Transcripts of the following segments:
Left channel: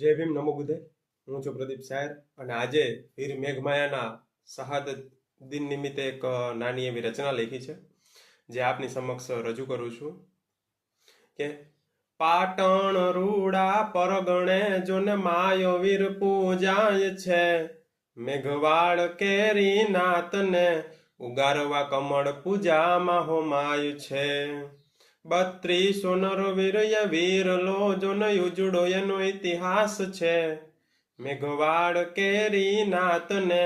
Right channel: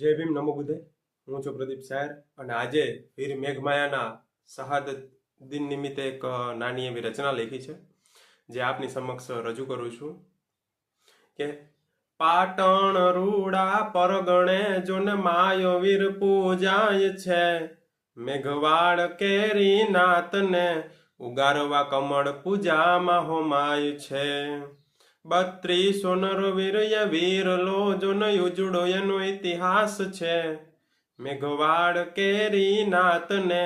જય ભીમ નમો બુદ્ધે। હું છું પ્રદીપ સાયર અને આજે વીર મેઘમાયાના શહાદત દિન નિમિત્તે એક નાની એવી રચના લખી છે જે આપની સમક્ષ રજૂ કરું છું કે પાટણ રૂડા પરગણે જોને માયો વીર પૂજાય છે। મેઘવાડ કેરી નાતને ઉગારવા કમળ પૂજામાં હોમાય છે। 32 નરવીરય વીરલો જોન ઉજળો એનો ઇતિહાસ છે। મેઘવાડ કેરી નાતને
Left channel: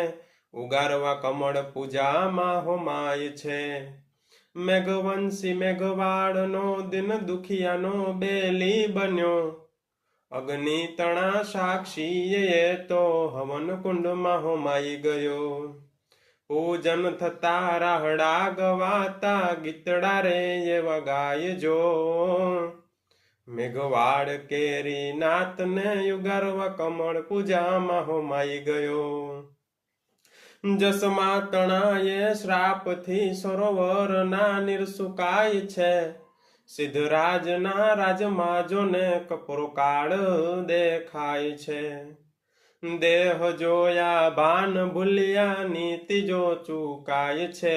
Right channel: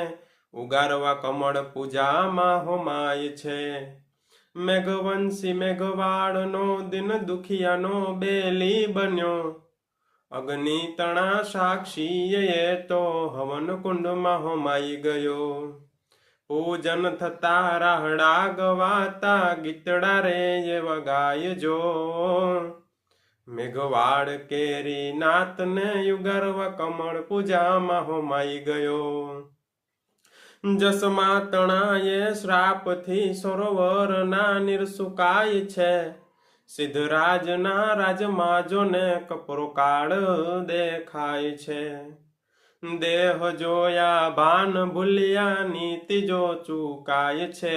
ઉગારવા કમળ પૂજામાં હોમાય છે। મેઘવંશી મેઘવાડનો દિન દુખિયાનો બેલી બન્યો। અગ્નિ તણા સાક્ષીએ તો હવન કુંડમાં હોમાઈ ગયો। પૂજન થતા રાહડા ગવાતા ગીતડા રે એવા ગાયજો। મેઘવાડ કેરી નાતને ઉગારવા કમળ પૂજામાં હોમાઈ ગયો। જસમા તણાએ શ્રાપથી સરોવરના નીર સુકાય છે। સિદ્ધરાજના રાજમાં જોને કપરો કાળ દેખાય છે। દેહ જોયા ભાન ભૂલ્યા નીતિ જો ચૂકાય છે।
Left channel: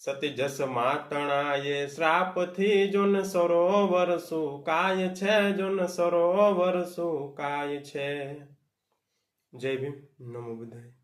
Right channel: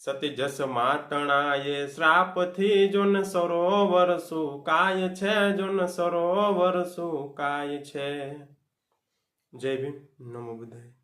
સતી જસમા તણાએ શ્રાપથી જોન સરોવર સુકાય છે। જોન સરોવર સુકાય છે। જય ભીમ નમો બુદ્ધાય।